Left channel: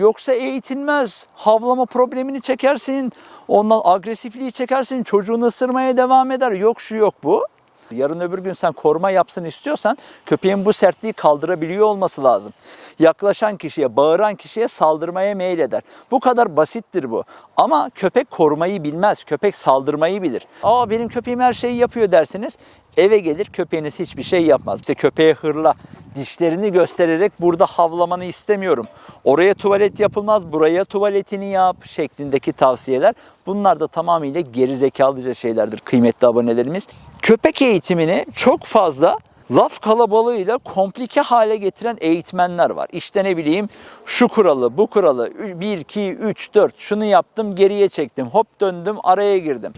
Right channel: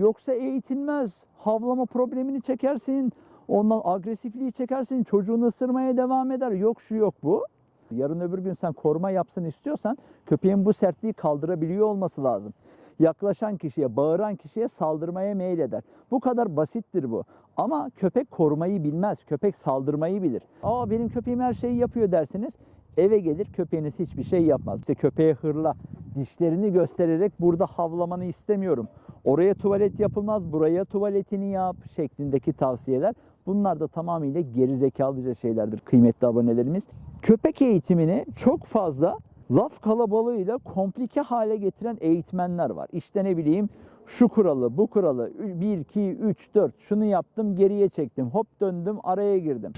Yoksa eğitilmez. Havlama problemini çekersin. Ondan agresifliği çekersin. Çocuğunu ısırmaya devam eder. Yok şu yok bu. Yarın öbür gün sen koruma yapsın istiyorsan köpeğin bu sertliği kaldırabiliyor olması lazım. Yaklaşan kişiye, bağıran kişiye saldırmaya meyleder. Bu kadar basittir bu. Ama köpek korumayı bilmez. Köpek saldırmayı bilir. Aa benim köpeğim her şeyi yapıyor dersiniz. Eve gelir köpeğiniz hiçbir şey yapmaz. İşte köpeğe hırla, dişlerini göstererek burada havlamanı istemiyorum. Oraya tuvalet yapılmaz, buraya tuvaletini yap şeklindeki tavsiyeler. Bunlar da tamamıyla gerizekalıca şeylerdir kıymetli abonelerimiz. Köpek eğitimini çok fazla laf kalabalığıyla komplike hale getiren eğitmenler var. İşte ne bileyim şu kuralı, bu kuralı, 1, 2, 3, 4 şunu yaptım geriye çektim, hop döndüm araya girdim.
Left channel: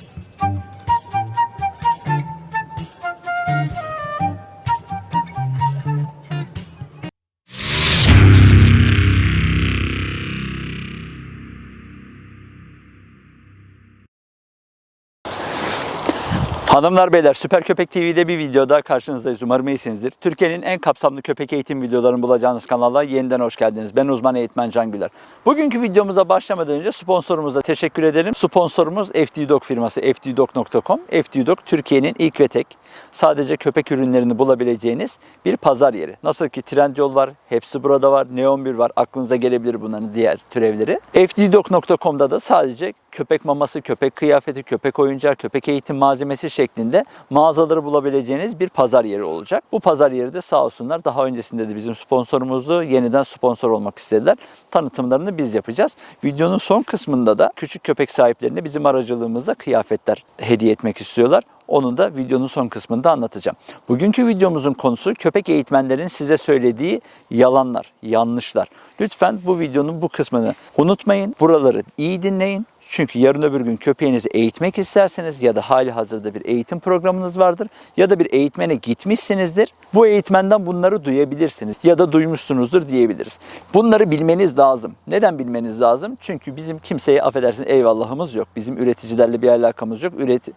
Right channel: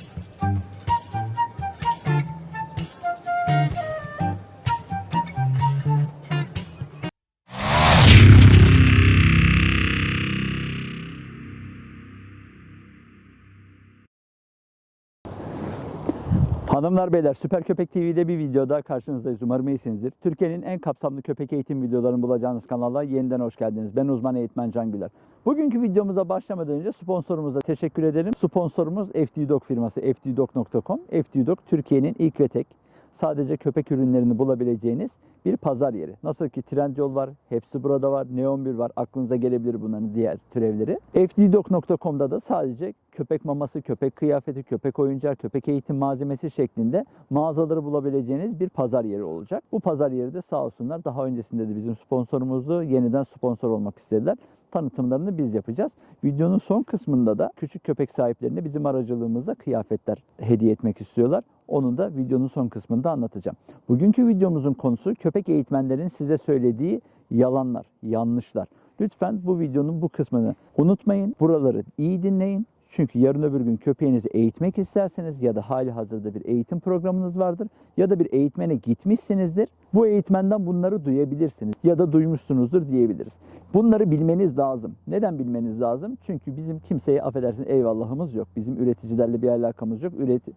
Hanımlar beyler Süper Köpek TV'de bir videoda karşınızdayız. Umarım iyisinizdir. Türkiye'nin en kapsamlı köpek eğitim videolarını bulacağınız kanala yeniden hoş geldiniz. Ben uzman eğitmen Can Güler. Bugünkü videomuza başlamadan önce sponsorumuza teşekkür edelim. Sponsorumuz FD Dog firması fddog.com. FD Dog Türkiye'nin ilk ve tek sadece köpek ürünlerini bulabileceğiniz bir pazar yeri. Nasıl ki Trendyol var, hepsi burada var, Neon 1 var. Aklınıza gelebilir bunların diğer türevleri. fddog.com'da da sadece köpek maması, köpek kıyafeti, köpek oyuncağı, köpek eğitim malzemesi şeklinde mağazaları bulabileceğiniz bir pazar yeri olacak. Bu pazar yeri de sağ olsunlar daha öncesinde de bizim sponsorumuzdu. Yeniden sponsor olmak istediler. Tanıtımlarını biz yapacağız. Videonun son kısmında da küçük köpek sahiplerine bizim aracılığımızla kıyafetler hediye etmek istiyorlar. Onu da videonun son kısmında anlatacağım. Bugünkü videomuzun konusu köpek eğitmenlerin size söylediği yalanlar, yanlışlar. Lütfen bu videonun bu kısmını unutmayın. Buraları iyi dinleyin. Çünkü yarın öbür gün köpeğinizi eğitmek isterseniz ya da hali hazırda bir eğitim programınız vardır ya da bir eğitmene gitmişsinizdir. Bu eğitmenden bunları duyabilirsiniz ya da duymuşsunuzdur diyebiliriz. Bunları bilmeniz lazım. Neden bilmeniz lazım? Çünkü bizim kimseye affedersin eyvallahımız yok. Bizim üreticilerle bir alakamız yok. Üret,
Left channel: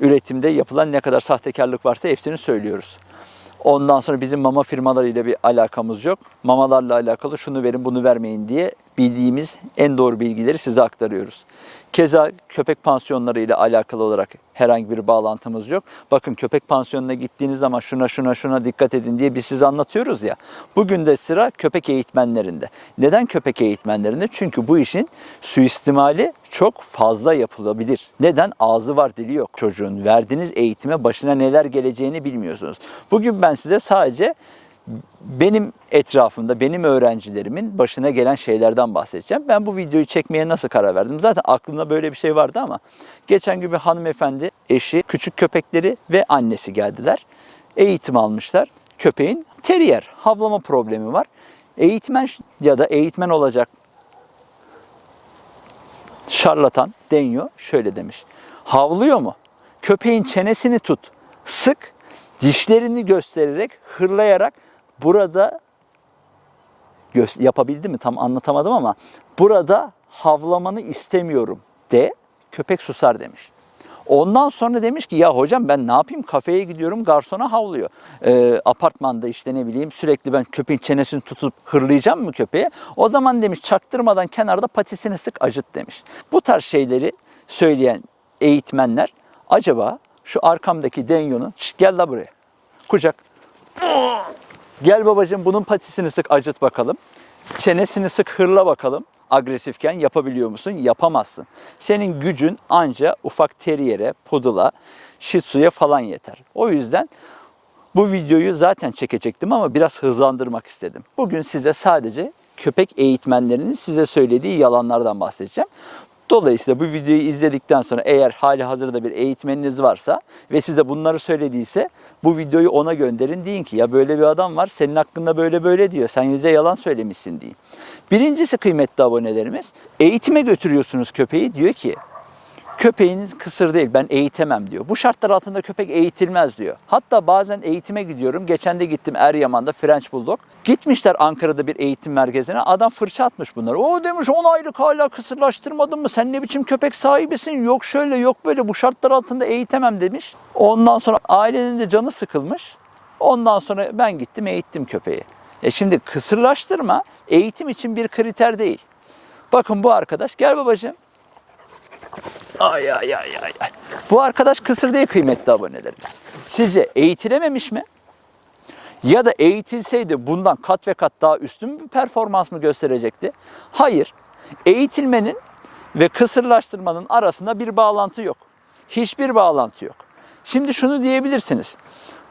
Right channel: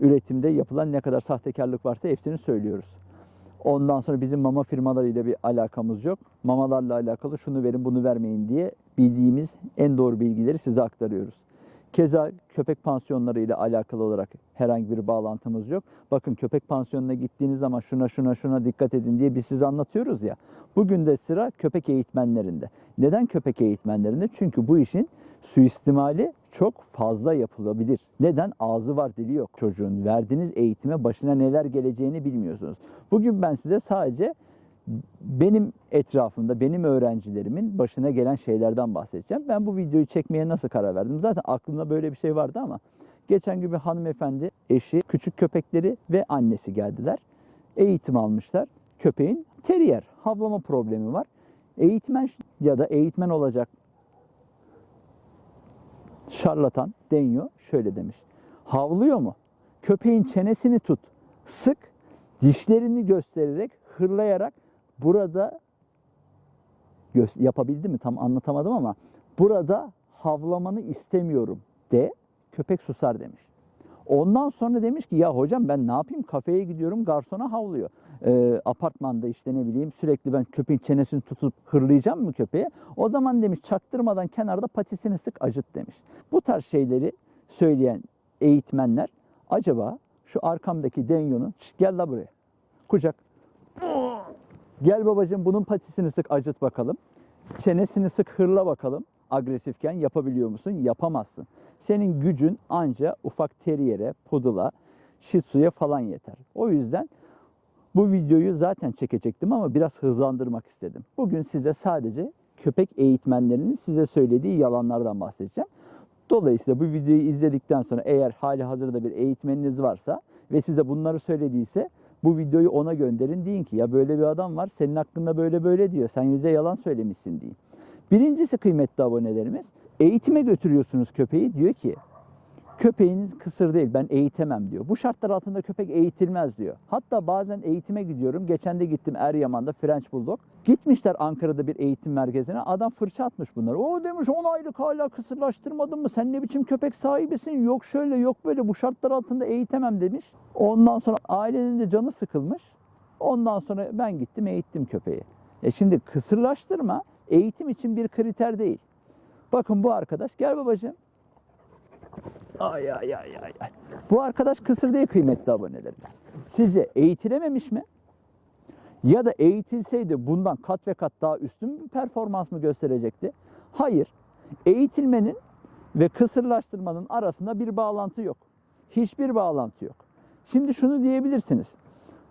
üretimde yapılan ne kadar sahtekarlık varsa hepsini söylüyoruz. Ondan sonra bizim mama firmalarıyla bir alakamız yok. Mamalarla alakalı şunu verin bunu vermeyin diye bildiğimiz en doğru bilgileri size aktarıyoruz. Keza köpek pansiyonları ile alakalı olarak herhangi bir bağlantımız yok. Bakın köpek pansiyonuna gittiğiniz zaman şuna şuna şuna dikkat edin diye biz size anlatıyoruz ya. Bugün de sıra köpek eğitmenlerinde. Neden köpek eğitmenlerinde? Çünkü bu işin suistimali çok fazla yapılabilir. Neden? Ağzı var dili yok çocuğun. Verdiğiniz eğitime başına neler geleceğini bilmiyorsunuz. Bugün ben size sadece benim etrafımda, benim öğrencilerimin başına gelen şeylerden bahsedeceğim. Ben bu videoyu çekmeye nasıl karar verdim? Zaten aklımda böyle bir şey vardı ama geçen gün bir hanımefendi, eşi, küçük köpekleri ve annesi geldiler. Eğitim almışlar. Köpeğin terrier, havlama problemi var. Eğitmen ya da eğitmen olacak şarlatan Denyo şöyle demiş. Havlıyor mu? Köpeğin çenesini tut, sık, dişlerini göstererek, hırlayarak burada gö- yapabildi mi tam anlatamadım ama burada havlamanı istemiyorum de köpek susar demiş. Ondan sonra demiş ki ya hocam ben ne yapayım kafeye gidiyorum garsona havlıyor. Ee, apartmanda işte ne bileyim sürekli ben köpeğin çenesini tutup hırlayacağım mı köpeğe? O zaman demiş çaktırmadan kenarda patisini sık acıt demiş. Bu tarz şeyleri söyleyen eğitmenler acaba şu arkamdaki Denyo'nun "Şşt, gel la buraya kucak Gel babacığım bunun patisini sık acıt bakalım. Çenesini sık hırla bakalım. Agresifken yapabiliyor musun? Yapamazsın. Senin gücün anca ufak teriyere, pudula, shih tzu'ya falan yeter. O yüzden bu videoyu zaten çekecektim ama biraz hızlandırmak istedim. Bugün size sadece köpek eğitmenlerinin size söylediği yalanlardan bahsedeceğim. Dolayısıyla bu videoyu izledikten sonra eğer hali hazırda bir eğitmeniniz varsa ve size bunları söylediyse bu videoyu ona gönderin. Deyin ki ya böyle bir adam var senin hakkında böyle böyle diyor. Sen bize yalan söylemişsin deyin. Birincisi kıymetli abonelerimiz eğitime götürüyorsunuz köpeği diyor ki Köpeğiniz kısır değil ben eğitemem diyor. Bu şartlar altında köpek eğitilmez diyor. Hatta bazen eğitime gidiyorum. Geçen de gittim Eryaman'da French Bulldog. Gitmişler Ankara'da bir eğitim merkezine. Adam fırça atmış bunları. O demiş 10 aylık hala kısırlaştırmadın mı? Sen ne biçim köpek sahibisin? Yok şöyle yok böyle bu şartlar altında eğitemem demiş. Ondan sonra ailenin de canı sıkılmış. Ondan sonra ben gittim eğittim köpeği. E şimdi kısırlaştırma eğitim için bir kriter değil. Bakın bu arkadaş gel babacığım. Ay ay ay ay. Bu arkadaş kısır değil kıymetli abonelerimiz. Sizce eğitilememiş mi? Ya da eğitilseydi bundan kat ve kat daha üstün bir performans mı gösterecekti? Hayır. Eğitilmenin ve kısırlaştırmanın arasında bir bağlantı yok. Hiçbir bağlantı yok. Şimdi şunu diyebilirsiniz.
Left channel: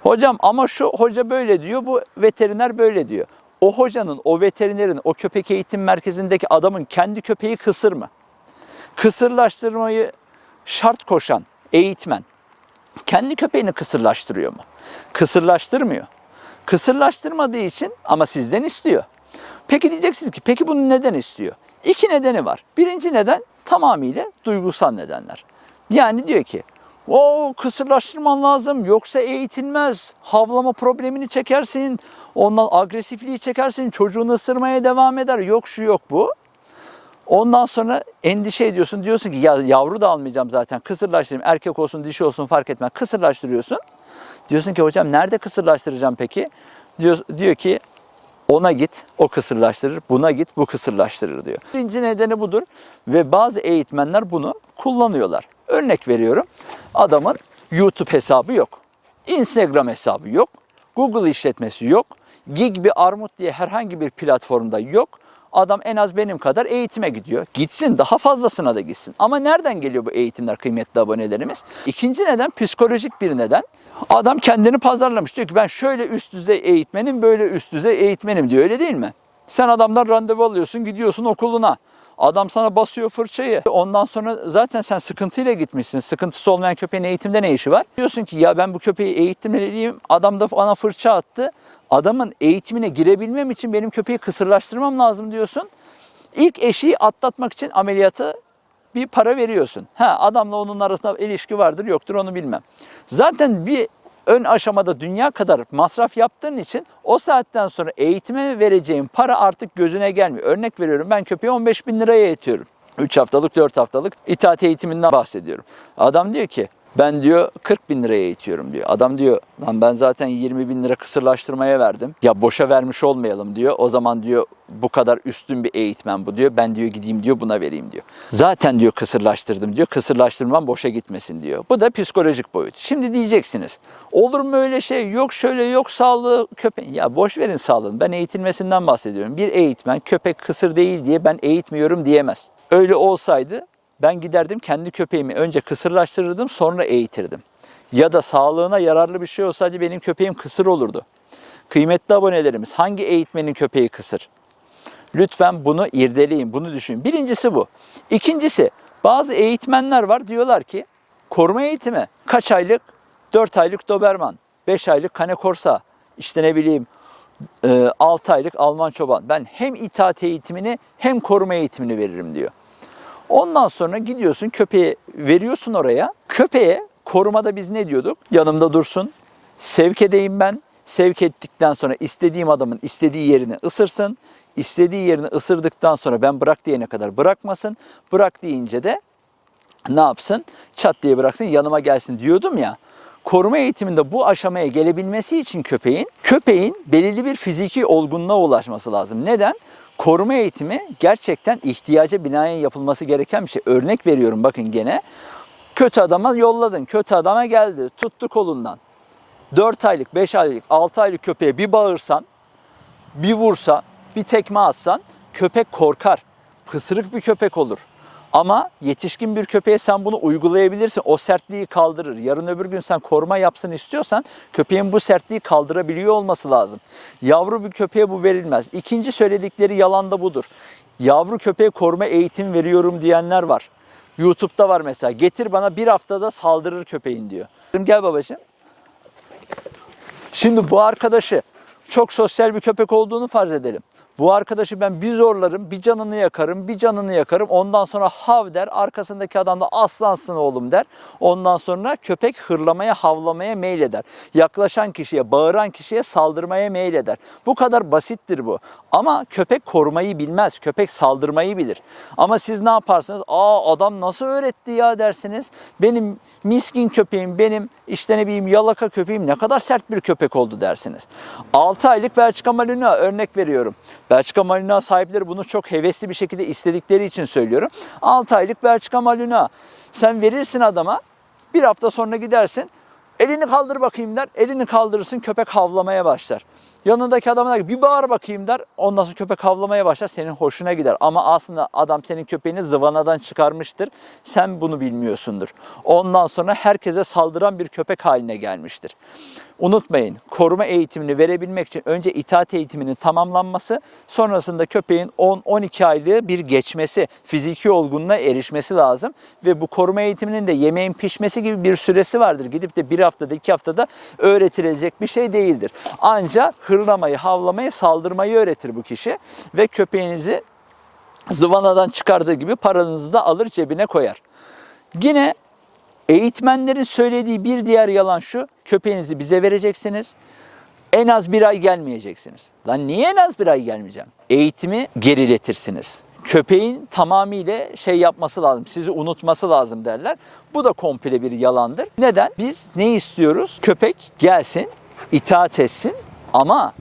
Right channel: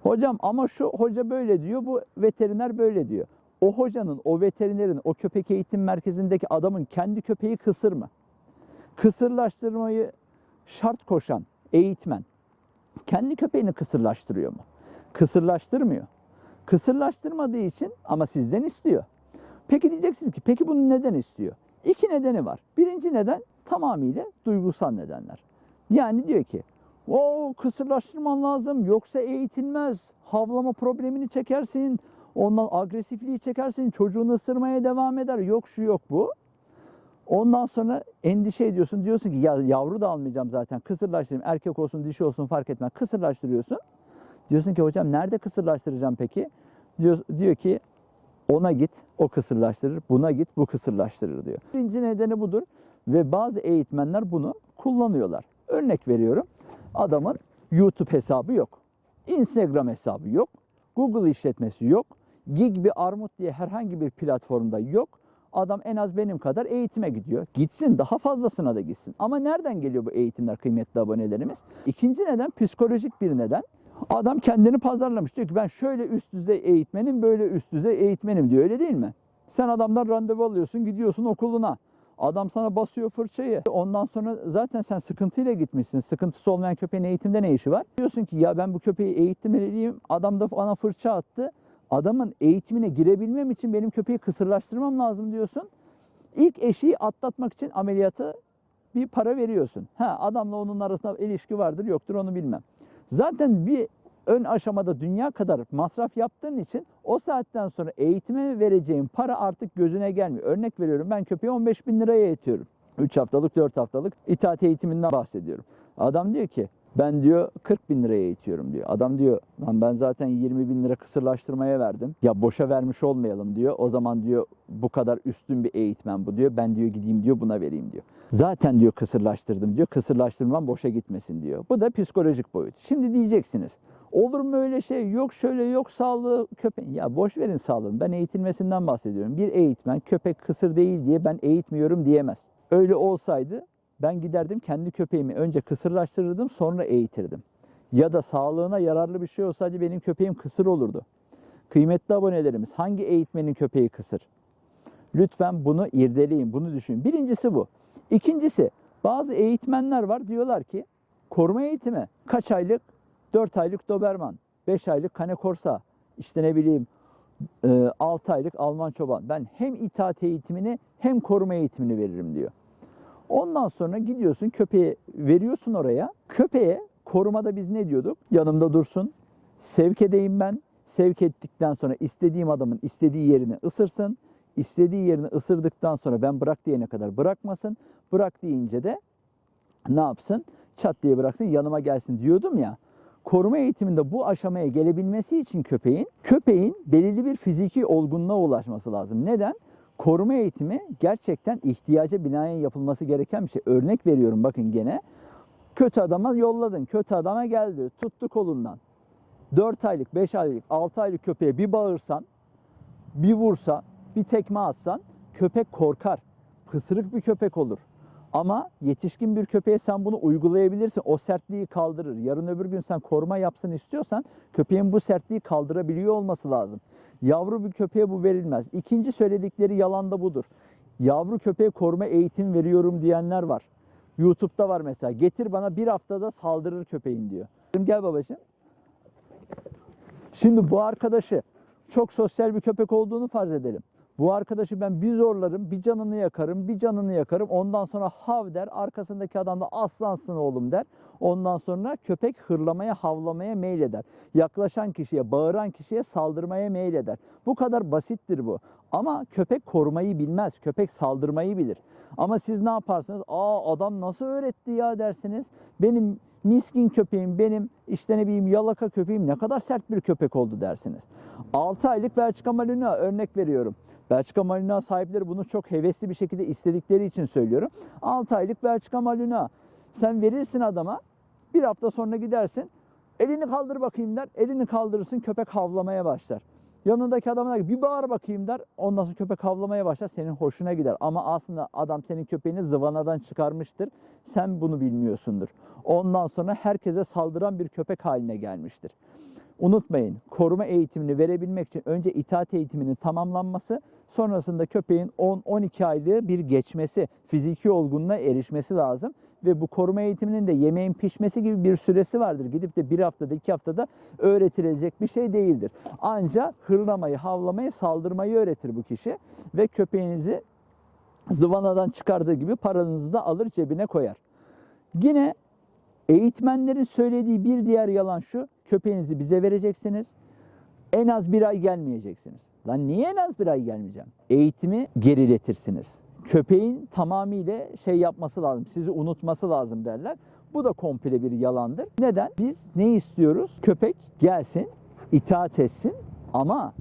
Hocam ama şu hoca böyle diyor, bu veteriner böyle diyor. O hocanın, o veterinerin, o köpek eğitim merkezindeki adamın kendi köpeği kısır mı? Kısırlaştırmayı şart koşan eğitmen kendi köpeğini kısırlaştırıyor mu? Kısırlaştırmıyor. Kısırlaştırmadığı için ama sizden istiyor. Peki diyeceksiniz ki peki bunu neden istiyor? İki nedeni var. Birinci neden tamamıyla duygusal nedenler. Yani diyor ki o kısırlaştırman lazım yoksa eğitilmez. Havlama problemini çekersin. Ondan agresifliği çekersin. Çocuğunu ısırmaya devam eder. Yok şu yok bu. Ondan sonra endişe ediyorsun. Diyorsun ki ya yavru da almayacağım zaten. Kısırlaştırayım. Erkek olsun dişi olsun fark etmez. Kısırlaştırıyorsun. Diyorsun ki hocam nerede kısırlaştıracağım peki? Diyor, diyor ki ona git o kısırlaştırır, buna git bu kısırlaştırır diyor. Birinci nedeni budur ve bazı eğitmenler bunu kullanıyorlar. Örnek veriyorum adamın YouTube hesabı yok, Instagram hesabı yok, Google işletmesi yok, Gig Armut diye herhangi bir platformda yok. Adam en az benim kadar eğitime gidiyor. Gitsin daha fazlasına da gitsin. Ama nereden geliyor bu eğitimler kıymetli abonelerimiz? İkinci neden psikolojik bir neden. Adam kendini pazarlamış. Diyor ki ben şöyle üst düzey eğitmenim, böyle üst düzey eğitmenim diyor. Öyle değil mi? Sen adamdan randevu alıyorsun, gidiyorsun okuluna. Adam sana basıyor fırçayı. Ondan sonra zaten sen sıkıntıyla gitmişsin. Sıkıntısı olmayan köpeğin eğitimde ne işi var? Diyorsun ki ya ben bu köpeği eğitimliyim. Adam da bana fırça attı. Adamın eğitimine girebilmem için benim köpeği kısırlaştırmam lazım diyorsun. İlk eşiği atlatmak için ameliyatı bir para veriyorsun. Ha adamla onun arasında ilişki vardır yoktur onu bilmem. Zaten bir ön aşamada dünya kadar masraf yaptığın için o saatten sonra eğitime vereceğin para artık gözüne gelmiyor. Örnek veriyorum ben köpeği 15 bin liraya eğitiyorum. 3 haftalık 4 haftalık itaat eğitiminden bahsediyorum. Adam diyor ki ben diyor 40 bin liraya eğitiyorum diyor. Adam diyor lan ben zaten 20 bin lira kısırlaştırmaya verdim. Ya boşa vermiş olmayalım diyor. O zaman diyor bu kadar üstün bir eğitmen bu diyor. Ben diyor gideyim diyor buna vereyim diyor. Zaten diyor kısırlaştırdım diyor. Kısırlaştırmam boşa gitmesin diyor. Bu da psikolojik boyut. Şimdi diyeceksiniz. Olur mu öyle şey? Yok şöyle yok sağlığı köpek. Ya boş verin sağlığını. Ben eğitilmesinden bahsediyorum. Bir eğitmen köpek kısır değil diye ben eğitmiyorum diyemez. Öyle olsaydı ben giderdim kendi köpeğimi önce kısırlaştırırdım sonra eğitirdim. Ya da sağlığına yararlı bir şey olsaydı benim köpeğim kısır olurdu. Kıymetli abonelerimiz hangi eğitmenin köpeği kısır? Lütfen bunu irdeleyin, bunu düşünün. Birincisi bu. İkincisi bazı eğitmenler var diyorlar ki koruma eğitimi kaç aylık? 4 aylık Doberman, 5 aylık Cane Corsa, işte ne bileyim 6 aylık Alman çoban. Ben hem itaat eğitimini hem koruma eğitimini veririm diyor. Ondan sonra gidiyorsun köpeğe veriyorsun oraya. Köpeğe korumada biz ne diyorduk? Yanımda dursun. Sevk edeyim ben. Sevk ettikten sonra istediğim adamın istediği yerini ısırsın. İstediği yerini ısırdıktan sonra ben bırak diyene kadar bırakmasın. Bırak deyince de ne yapsın? Çat diye bıraksın yanıma gelsin diyordum ya. Koruma eğitiminde bu aşamaya gelebilmesi için köpeğin, köpeğin belirli bir fiziki olgunluğa ulaşması lazım. Neden? Koruma eğitimi gerçekten ihtiyaca binaen yapılması gereken bir şey. Örnek veriyorum bakın gene. Kötü adama yolladın, kötü adama geldi, tuttu kolundan. 4 aylık, 5 aylık, 6 aylık köpeğe bir bağırsan, bir vursa, bir tekme atsan köpek korkar. Pısırık bir köpek olur. Ama yetişkin bir köpeğe sen bunu uygulayabilirsin. O sertliği kaldırır. Yarın öbür gün sen koruma yapsın istiyorsan köpeğin bu sertliği kaldırabiliyor olması lazım. Yavru bir köpeğe bu verilmez. İkinci söyledikleri yalan da budur. Yavru köpeğe koruma eğitim veriyorum diyenler var. YouTube'da var mesela. Getir bana bir haftada saldırır köpeğin diyor. Gel babacığım. Şimdi bu arkadaşı çok sosyal bir köpek olduğunu farz edelim. Bu arkadaşı ben bir zorlarım, bir canını yakarım, bir canını yakarım. Ondan sonra hav der, arkasındaki adam da aslansın oğlum der. Ondan sonra köpek hırlamaya, havlamaya meyleder. Yaklaşan kişiye, bağıran kişiye saldırmaya meyleder. Bu kadar basittir bu. Ama köpek korumayı bilmez, köpek saldırmayı bilir. Ama siz ne yaparsınız? Aa adam nasıl öğretti ya dersiniz. Benim miskin köpeğim benim işte ne bileyim yalaka köpeğim ne kadar sert bir köpek oldu dersiniz. 6 aylık Belçika Malinois örnek veriyorum. Belçika Malinois sahipleri bunu çok hevesli bir şekilde istedikleri için söylüyorum. 6 aylık Belçika Malinois sen verirsin adama bir hafta sonra gidersin elini kaldır bakayım der. Elini kaldırırsın köpek havlamaya başlar. Yanındaki adama der bir bağır bakayım der. Ondan sonra köpek havlamaya başlar. Senin hoşuna gider. Ama aslında adam senin köpeğini zıvanadan çıkarmıştır. Sen bunu bilmiyorsundur. Ondan sonra herkese saldıran bir köpek haline gelmiştir. Unutmayın koruma eğitimini verebilmek için önce itaat eğitiminin tamamlanması sonrasında köpeğin 10-12 aylığı bir geçmesi, fiziki olgunluğa erişmesi lazım. Ve bu koruma eğitiminin de yemeğin pişmesi gibi bir süresi vardır. Gidip de bir haftada iki haftada öğretilecek bir şey değildir. Ancak hırlamayı, havlamayı, saldırmayı öğretir bu kişi ve köpeğinizi zıvanadan çıkardığı gibi paranızı da alır cebine koyar. Yine Eğitmenlerin söylediği bir diğer yalan şu. Köpeğinizi bize vereceksiniz. En az bir ay gelmeyeceksiniz. Lan niye en az bir ay gelmeyeceğim? Eğitimi geriletirsiniz. Köpeğin tamamıyla şey yapması lazım, sizi unutması lazım derler. Bu da komple bir yalandır. Neden? Biz ne istiyoruz? Köpek gelsin, itaat etsin ama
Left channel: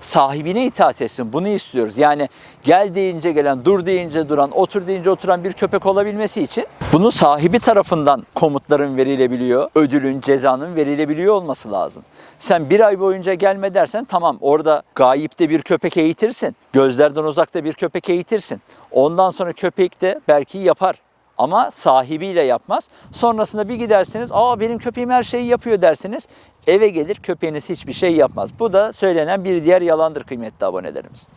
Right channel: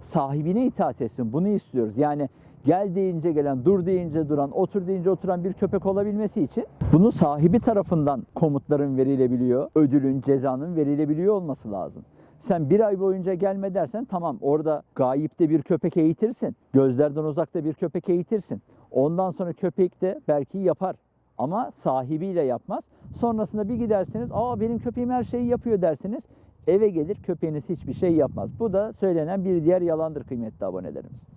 sahibine itaat etsin. Bunu istiyoruz. Yani gel deyince gelen, dur deyince duran, otur deyince oturan bir köpek olabilmesi için bunun sahibi tarafından komutların verilebiliyor, ödülün, cezanın verilebiliyor olması lazım. Sen bir ay boyunca gelme dersen tamam orada gayipte bir köpek eğitirsin. Gözlerden uzakta bir köpek eğitirsin. Ondan sonra köpek de belki yapar ama sahibiyle yapmaz. Sonrasında bir gidersiniz, aa benim köpeğim her şeyi yapıyor dersiniz. Eve gelir köpeğiniz hiçbir şey yapmaz. Bu da söylenen bir diğer yalandır kıymetli abonelerimiz.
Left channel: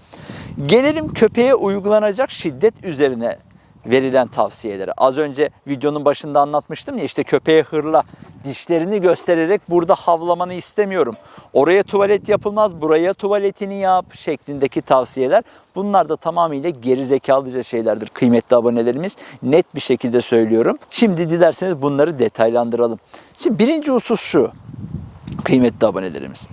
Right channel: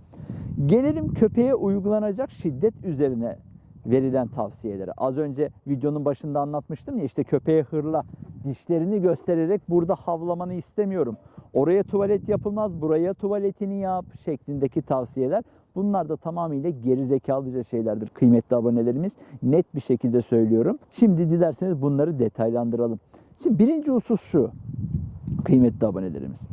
Gelelim köpeğe uygulanacak şiddet üzerine verilen tavsiyeleri. Az önce videonun başında anlatmıştım ya işte köpeğe hırla, dişlerini göstererek burada havlamanı istemiyorum. Oraya tuvalet yapılmaz, buraya tuvaletini yap şeklindeki tavsiyeler. Bunlar da tamamıyla gerizekalıca şeylerdir kıymetli abonelerimiz. Net bir şekilde söylüyorum. Şimdi dilerseniz bunları detaylandıralım. Şimdi birinci husus şu kıymetli abonelerimiz.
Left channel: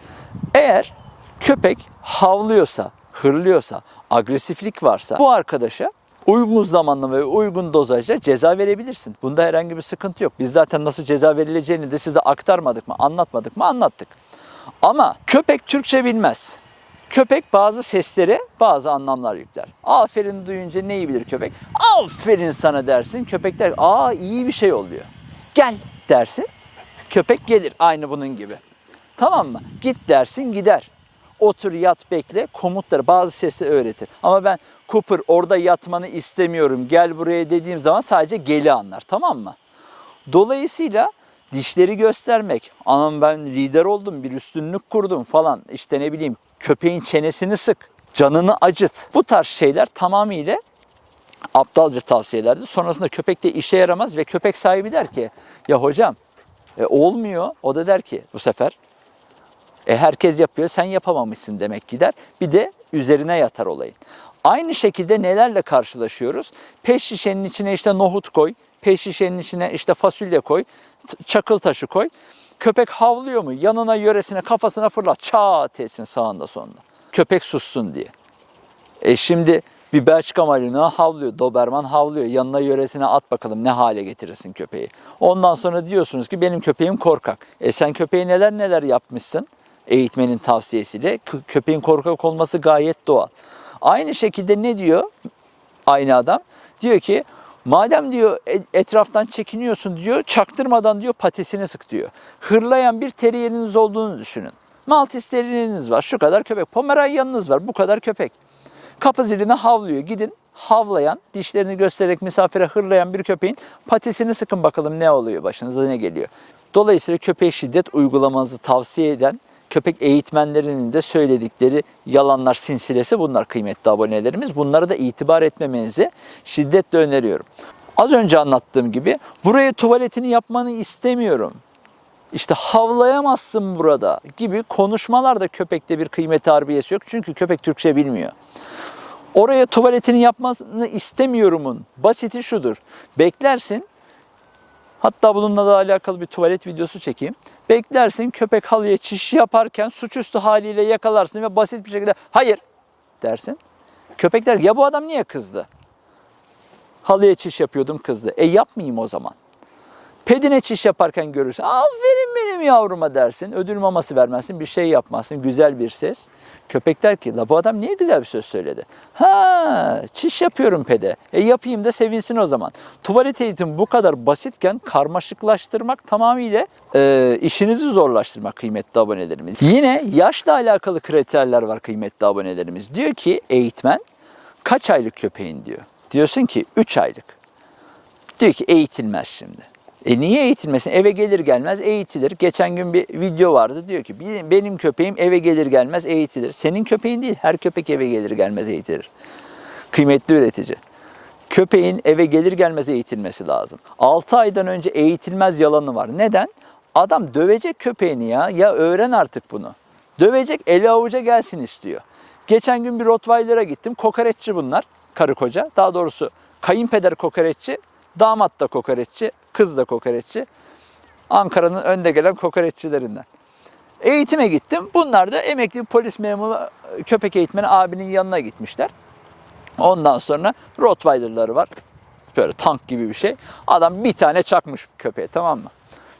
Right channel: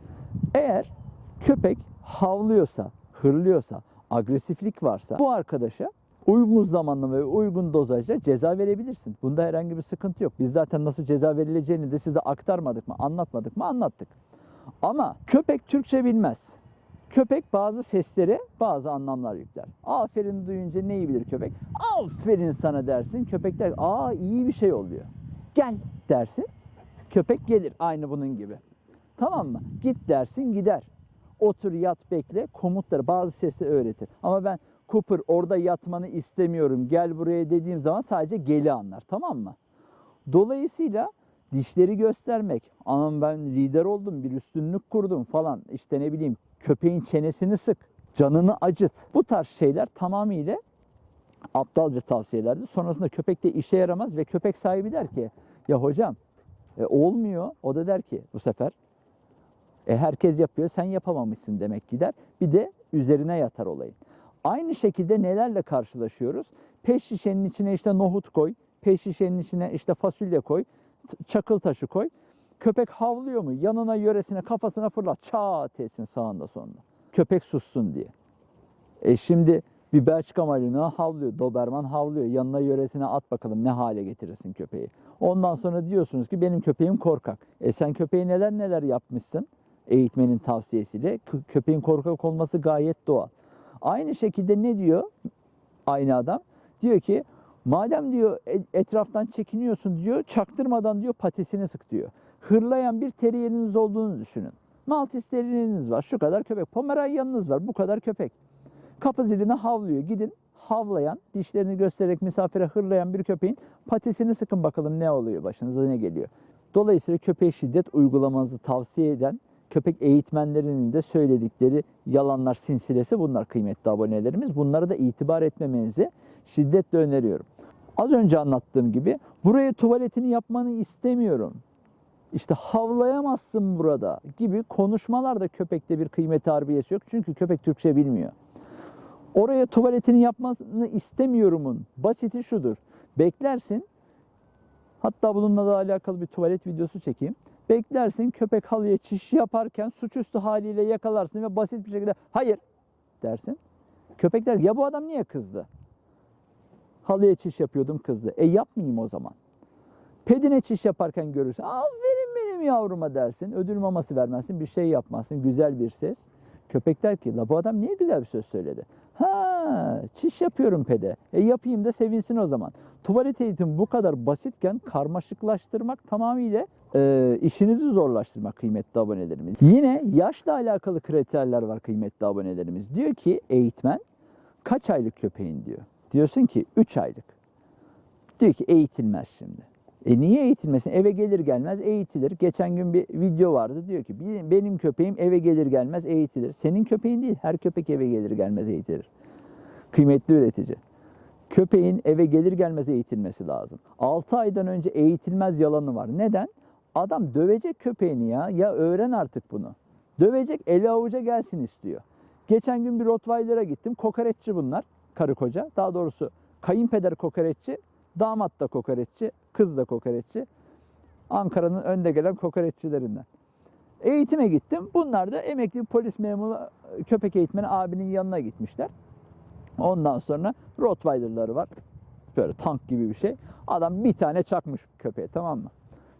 Eğer köpek havlıyorsa, hırlıyorsa, agresiflik varsa bu arkadaşa uygun zamanla ve uygun dozajda ceza verebilirsin. Bunda herhangi bir sıkıntı yok. Biz zaten nasıl ceza verileceğini de size aktarmadık mı, anlatmadık mı, anlattık. Ama köpek Türkçe bilmez. Köpek bazı seslere bazı anlamlar yükler. Aferin duyunca neyi bilir köpek? Aferin sana dersin. Köpek der, aa iyi bir şey oluyor. Gel dersin. Köpek gelir aynı bunun gibi. Tamam mı? Git dersin gider. Otur yat bekle komutları bazı sesleri öğretir. Ama ben Cooper orada yatmanı istemiyorum gel buraya dediğim zaman sadece geli anlar tamam mı? Dolayısıyla dişleri göstermek, anam ben lider oldum, bir üstünlük kurdum falan işte ne bileyim köpeğin çenesini sık, canını acıt. Bu tarz şeyler tamamıyla aptalca tavsiyelerdi. Sonrasında köpek de işe yaramaz ve köpek sahibi der ki ya hocam e, olmuyor. O da der ki bu sefer e, herkes yapıyor sen yapamamışsın demek gider. Bir de üzerine yatar olayın. Aynı şekilde nelerle karşılaşıyoruz? Peş şişenin içine işte nohut koy, peş şişenin içine işte fasulye koy, çakıl taşı koy. Köpek havlıyor mu? Yanına yöresine kafasına fırlat. Çat etsin sağında sonunda. Köpek sussun diye. E şimdi bir Belçika Malinois havlıyor, Doberman havlıyor. Yanına yöresine at bakalım ne hale getirirsin köpeği. Ondan sonra diyorsunuz ki benim köpeğim korkak. E sen köpeği neler neler yapmışsın eğitmenin tavsiyesiyle. Kö- köpeğin korkak olması gayet doğal. Aynı şekilde ne diyor aynı adam? Diyor ki madem diyor e- etraftan çekiniyorsun diyor çaktırmadan diyor patisini sık diyor. Hırlayan bir teriyeriniz olduğunu düşünün. Maltese teriyeriniz var şu kadar köpek. Pomeranian'ınız var bu kadar köpek. Kapı ziline havlıyor. Gidin havlayan, dişlerini göstererek misafire hırlayan bir köpeğin patisini sıkın bakalım ne oluyor, başınıza ne geliyor. Dolayısıyla köpeğe şiddet uygulamanızı tavsiye eden köpek eğitmenlerinin de söyledikleri yalanlar sinsilesi bunlar kıymetli abonelerimiz. Bunlara da itibar etmemenizi şiddetle öneriyorum. Az önce anlattığım gibi buraya tuvaletini yapmanı istemiyorum. İşte havlayamazsın burada gibi konuşmalarda köpekte bir kıymet harbiyesi yok. Çünkü köpek Türkçe bilmiyor. Oraya tuvaletini yapmasını istemiyorumun basiti şudur. Beklersin. Hatta bununla da alakalı bir tuvalet videosu çekeyim. Beklersin köpek halıya çiş yaparken suçüstü haliyle yakalarsın ve basit bir şekilde hayır dersin. Köpek der ya bu adam niye kızdı? Halıya çiş yapıyordum kızdı. E yapmayayım o zaman. Pedine çiş yaparken görürsün. Aferin benim yavruma dersin. Ödül maması vermezsin. Bir şey yapmazsın. Güzel bir ses. Köpek der ki la bu adam niye güzel bir söz söyledi? Ha çiş yapıyorum pede. E yapayım da sevinsin o zaman. Tuvalet eğitimi bu kadar basitken karmaşıklaştırmak tamamıyla e, işinizi zorlaştırmak kıymetli abonelerimiz. Yine yaşla alakalı kriterler var kıymetli abonelerimiz. Diyor ki eğitmen kaç aylık köpeğin diyor. Diyorsun ki 3 aylık. Diyor ki eğitilmez şimdi. E niye eğitilmesin? Eve gelir gelmez eğitilir. Geçen gün bir video vardı diyor ki "Benim- köpeğim eve gelir gelmez eğitilir. Senin köpeğin değil her köpek eve gelir gelmez eğitilir. Kıymetli üretici. Köpeğin eve gelir gelmez eğitilmesi lazım. 6 aydan önce eğitilmez yalanı var. Neden? Adam dövecek köpeğini ya. Ya öğren artık bunu. Dövecek eli avuca gelsin istiyor. Geçen gün bir Rottweiler'a gittim. Kokoreççi bunlar. Karı koca. Daha doğrusu kayınpeder kokoreççi, damat da kokoreççi, kız da kokoreççi. Ankara'nın önde gelen kokoreççilerinden. Eğitime gittim. Bunlar da emekli polis memuru köpek eğitmeni abinin yanına gitmişler. Ondan sonra Rottweiler'ları var. Böyle tank gibi bir şey. Adam bir tane çakmış köpeğe tamam mı?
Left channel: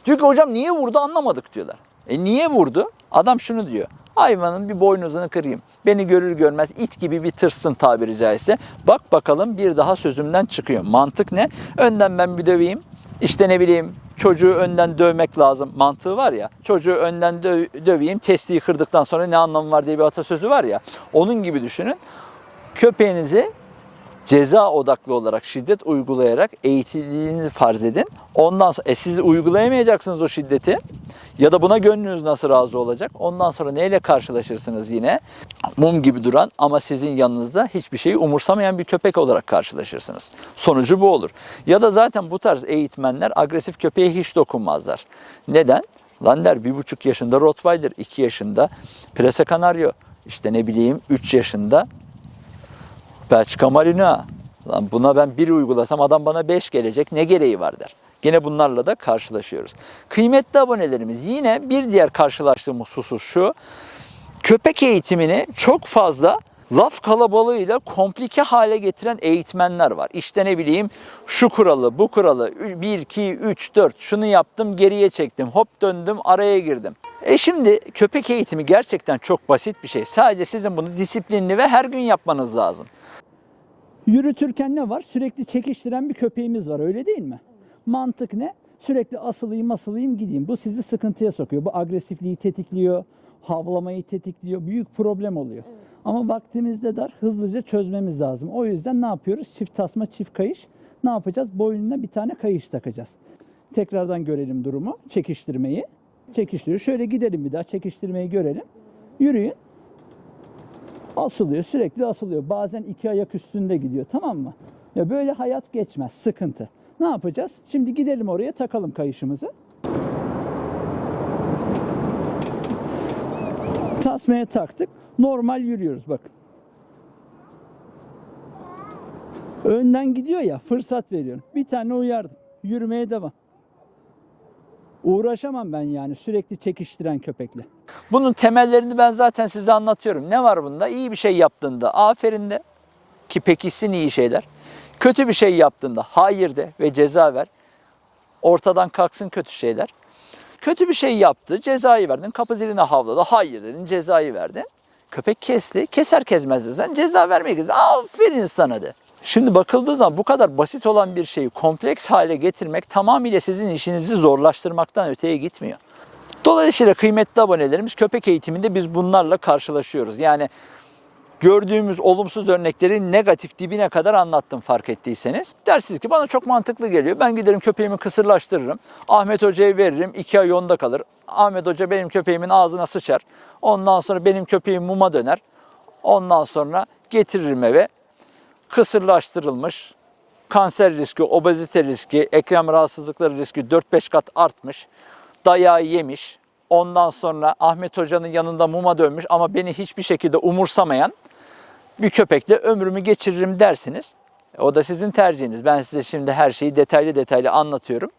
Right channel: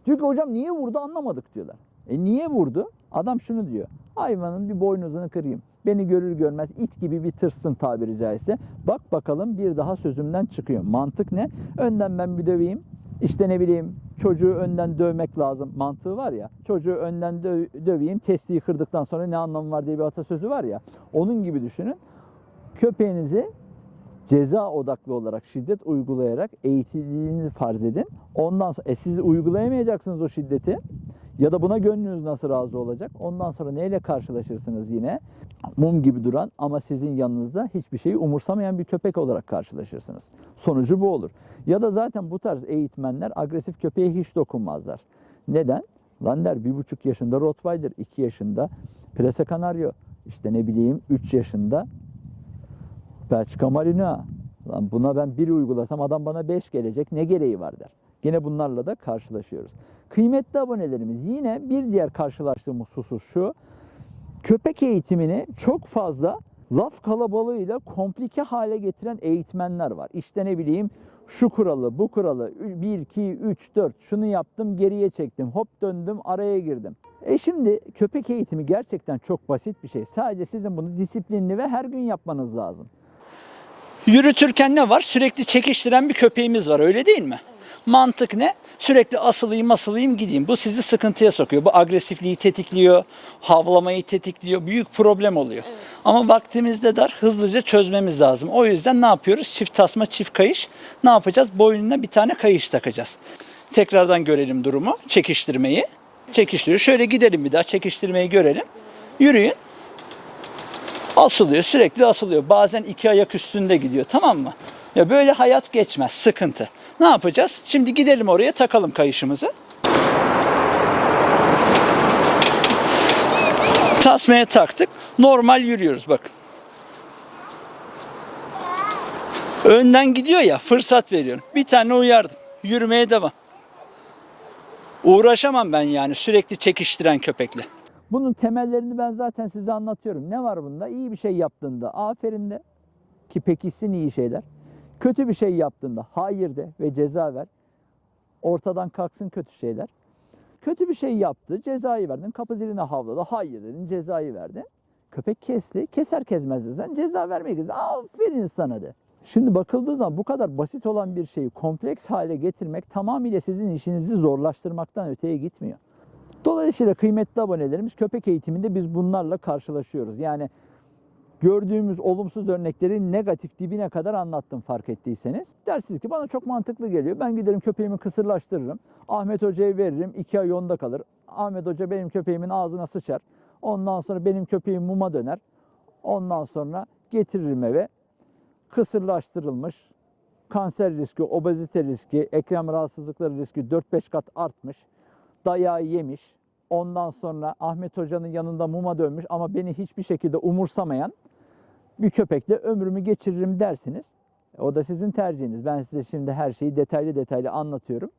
Diyor ki hocam niye vurdu anlamadık diyorlar. E niye vurdu? Adam şunu diyor. Hayvanın bir boynuzunu kırayım. Beni görür görmez it gibi bir tırsın tabiri caizse. Bak bakalım bir daha sözümden çıkıyor. Mantık ne? Önden ben bir döveyim. İşte ne bileyim çocuğu önden dövmek lazım mantığı var ya. Çocuğu önden dö- döveyim testiyi kırdıktan sonra ne anlamı var diye bir atasözü var ya. Onun gibi düşünün. Köpeğinizi ceza odaklı olarak şiddet uygulayarak eğitildiğini farz edin. Ondan sonra e siz uygulayamayacaksınız o şiddeti ya da buna gönlünüz nasıl razı olacak? Ondan sonra neyle karşılaşırsınız yine? Mum gibi duran ama sizin yanınızda hiçbir şeyi umursamayan bir köpek olarak karşılaşırsınız. Sonucu bu olur. Ya da zaten bu tarz eğitmenler agresif köpeğe hiç dokunmazlar. Neden? Lan der bir buçuk yaşında Rottweiler, iki yaşında Prese Canario, işte ne bileyim 3 yaşında Belçika Marina. Lan buna ben bir uygulasam adam bana 5 gelecek. Ne gereği var der. Gene bunlarla da karşılaşıyoruz. Kıymetli abonelerimiz yine bir diğer karşılaştığımız husus şu. Köpek eğitimini çok fazla laf kalabalığıyla komplike hale getiren eğitmenler var. İşte ne bileyim şu kuralı, bu kuralı, 1, 2, 3, 4 şunu yaptım geriye çektim, hop döndüm araya girdim. E şimdi köpek eğitimi gerçekten çok basit bir şey. Sadece sizin bunu disiplinli ve her gün yapmanız lazım. Yürütürken ne var? Sürekli çekiştiren bir köpeğimiz var öyle değil mi? Mantık ne? Sürekli asılayım asılayım gideyim. Bu sizi sıkıntıya sokuyor. Bu agresifliği tetikliyor, havlamayı tetikliyor. Büyük problem oluyor. Ama vaktimizde dar hızlıca çözmemiz lazım. O yüzden ne yapıyoruz? Çift tasma, çift kayış. Ne yapacağız? Boynuna bir tane kayış takacağız. Tekrardan görelim durumu. Çekiştirmeyi. Çekiştiriyor. Şöyle gidelim bir daha çekiştirmeyi görelim. Yürüyün asılıyor sürekli asılıyor. Bazen iki ayak üstünde gidiyor tamam mı? Ya böyle hayat geçmez sıkıntı. Ne yapacağız? Şimdi gidelim oraya takalım kayışımızı. Tasmaya taktık. Normal yürüyoruz bakın. Önden gidiyor ya fırsat veriyorum. Bir tane uyardım. Yürümeye devam. Uğraşamam ben yani sürekli çekiştiren köpekle. Bunun temellerini ben zaten size anlatıyorum. Ne var bunda? İyi bir şey yaptığında aferin de ki pekişsin iyi şeyler. Kötü bir şey yaptığında hayır de ve ceza ver. Ortadan kalksın kötü şeyler. Kötü bir şey yaptı, cezayı verdin. Kapı ziline havladı, hayır dedin, cezayı verdin. Köpek kesti, keser kesmez de sen ceza vermeye gidiyorsun. Aferin sana de. Şimdi bakıldığı zaman bu kadar basit olan bir şeyi kompleks hale getirmek tamamıyla sizin işinizi zorlaştırmaktan öteye gitmiyor. Dolayısıyla kıymetli abonelerimiz köpek eğitiminde biz bunlarla karşılaşıyoruz. Yani gördüğümüz olumsuz örnekleri negatif dibine kadar anlattım fark ettiyseniz. Dersiniz ki bana çok mantıklı geliyor. Ben giderim köpeğimi kısırlaştırırım. Ahmet Hoca'ya veririm. iki ay yolda kalır. Ahmet Hoca benim köpeğimin ağzına sıçar. Ondan sonra benim köpeğim muma döner. Ondan sonra getiririm eve. Kısırlaştırılmış. Kanser riski, obezite riski, eklem rahatsızlıkları riski 4-5 kat artmış. Dayağı yemiş. Ondan sonra Ahmet Hoca'nın yanında muma dönmüş ama beni hiçbir şekilde umursamayan bir köpekle ömrümü geçiririm dersiniz. O da sizin tercihiniz. Ben size şimdi her şeyi detaylı detaylı anlatıyorum.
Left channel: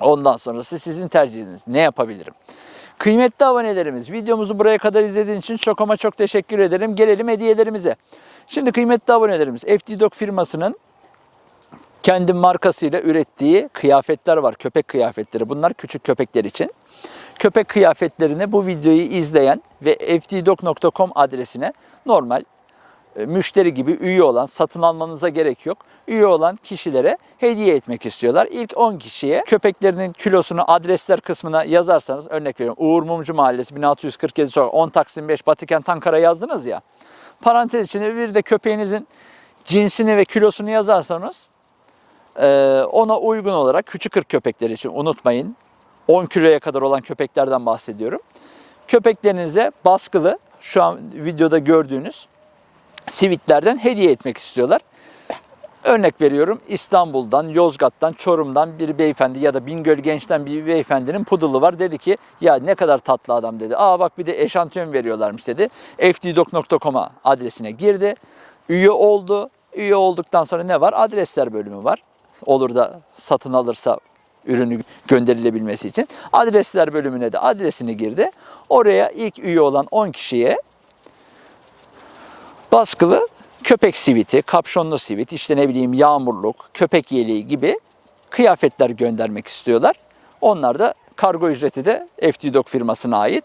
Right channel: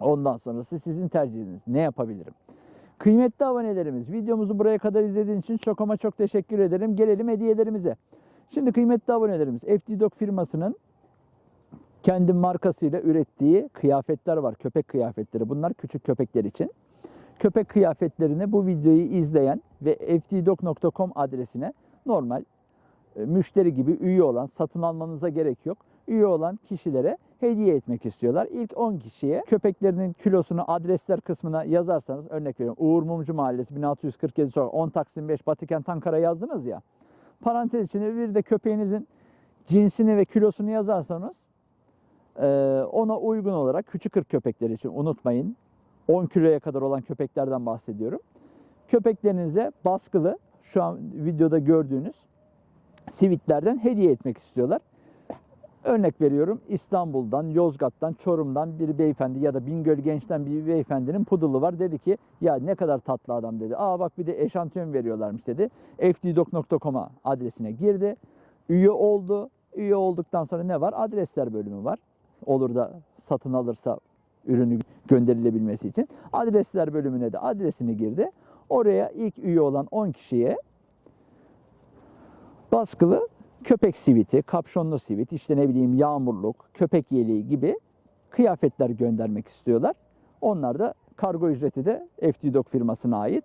Ondan sonrası sizin tercihiniz. Ne yapabilirim? Kıymetli abonelerimiz videomuzu buraya kadar izlediğiniz için çok ama çok teşekkür ederim. Gelelim hediyelerimize. Şimdi kıymetli abonelerimiz FD Dog firmasının kendi markasıyla ürettiği kıyafetler var. Köpek kıyafetleri. Bunlar küçük köpekler için. Köpek kıyafetlerini bu videoyu izleyen ve ftdog.com adresine normal e, müşteri gibi üye olan, satın almanıza gerek yok. Üye olan kişilere hediye etmek istiyorlar. İlk 10 kişiye köpeklerinin kilosunu adresler kısmına yazarsanız örnek veriyorum Uğur Mumcu Mahallesi 1647 sokak 10 Taksim 5 Batıkent Ankara yazdınız ya. Parantez içinde bir de köpeğinizin cinsini ve kilosunu yazarsanız e, ona uygun olarak küçük ırk köpekleri için unutmayın 10 kiloya kadar olan köpeklerden bahsediyorum. Köpeklerinize baskılı şu an videoda gördüğünüz sivitlerden hediye etmek istiyorlar. Örnek veriyorum İstanbul'dan, Yozgat'tan, Çorum'dan bir beyefendi ya da Bingöl Genç'ten bir beyefendinin pudulu var. Dedi ki ya ne kadar tatlı adam dedi. Aa bak bir de eşantiyon veriyorlarmış dedi. ftdog.com'a adresine girdi. Üye oldu. Üye olduktan sonra ne var? Adresler bölümü var. Olur da satın alırsa ürünü gönderilebilmesi için. Adresler bölümüne de adresini girdi. Oraya ilk üye olan 10 kişiye baskılı köpek siviti, kapşonlu sivit, işte ne bileyim yağmurluk, köpek yeleği gibi kıyafetler göndermek istiyorlar. Onlar da kargo ücreti de FT firmasına ait.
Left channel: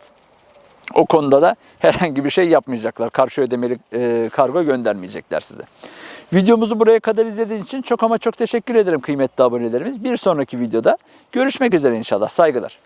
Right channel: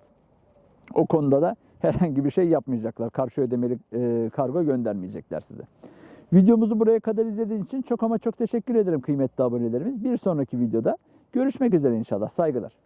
O konuda da herhangi bir şey yapmayacaklar. Karşı ödemeli e, kargo göndermeyecekler size. Videomuzu buraya kadar izlediğiniz için çok ama çok teşekkür ederim kıymetli abonelerimiz. Bir sonraki videoda görüşmek üzere inşallah. Saygılar.